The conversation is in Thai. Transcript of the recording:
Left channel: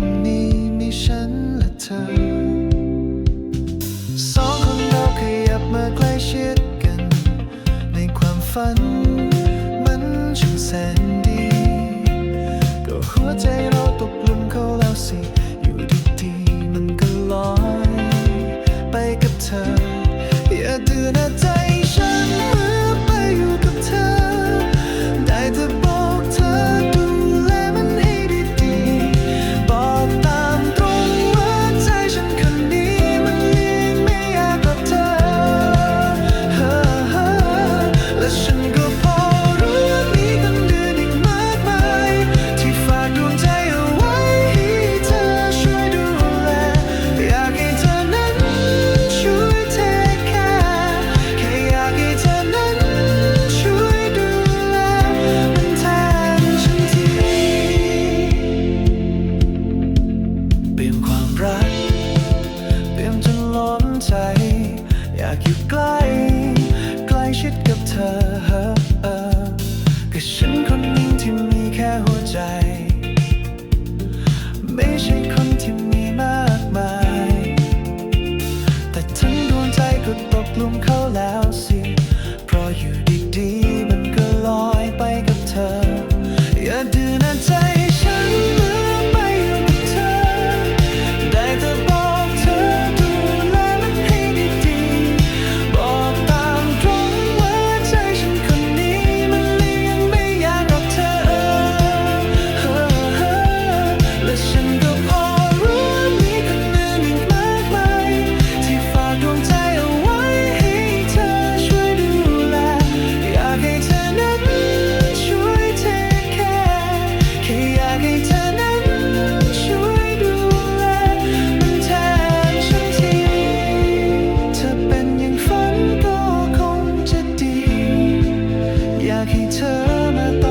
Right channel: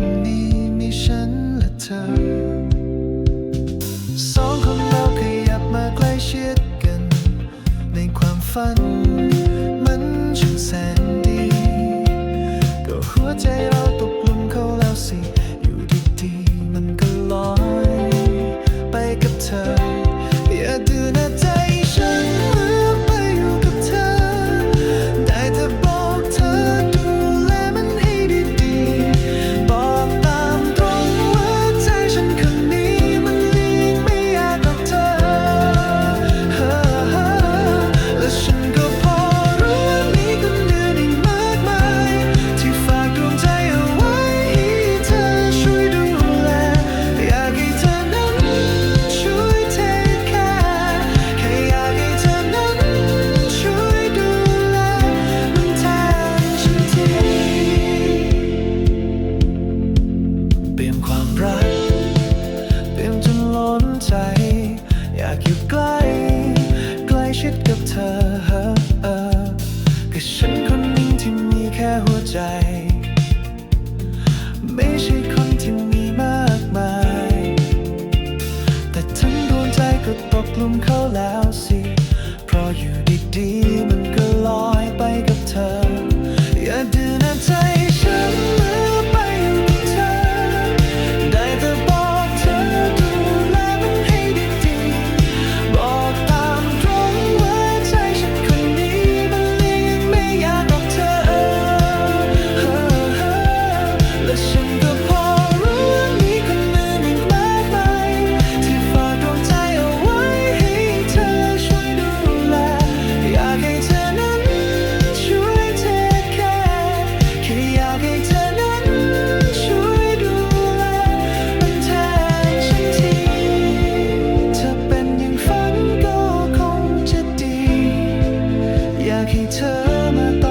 ว่าที่ตรงนี้มีฉันและเธอ สองคนเราขยับมาใกล้ชิดกัน ในความฝัน มันช่างแสนดี ก็หัวใจเราตก ก็พอรู้ว่ามีคนเดือนอีกมากมาย ที่ฝากดวงใจเอาไว้ให้เธอช่วยดูแล อยากให้เธอนั้นช่วยเทคแคร์แค่อยากให้เธอนั้นช่วยดูแล มันแทนฉันทีเปลี่ยนความรัก เปลี่ยนจนล้นใจ อยากอยู่ใกล้ ใกล้ชิดกับเธอ ก็ฉันคนหนึ่งที่มีแค่หัวใจ ไม่ใช่คนที่มีมากมาย แต่ทั้งดวงใจก็ตกหลุมเขาแล้วสิ เพราะอยู่ อยากให้เธอมาต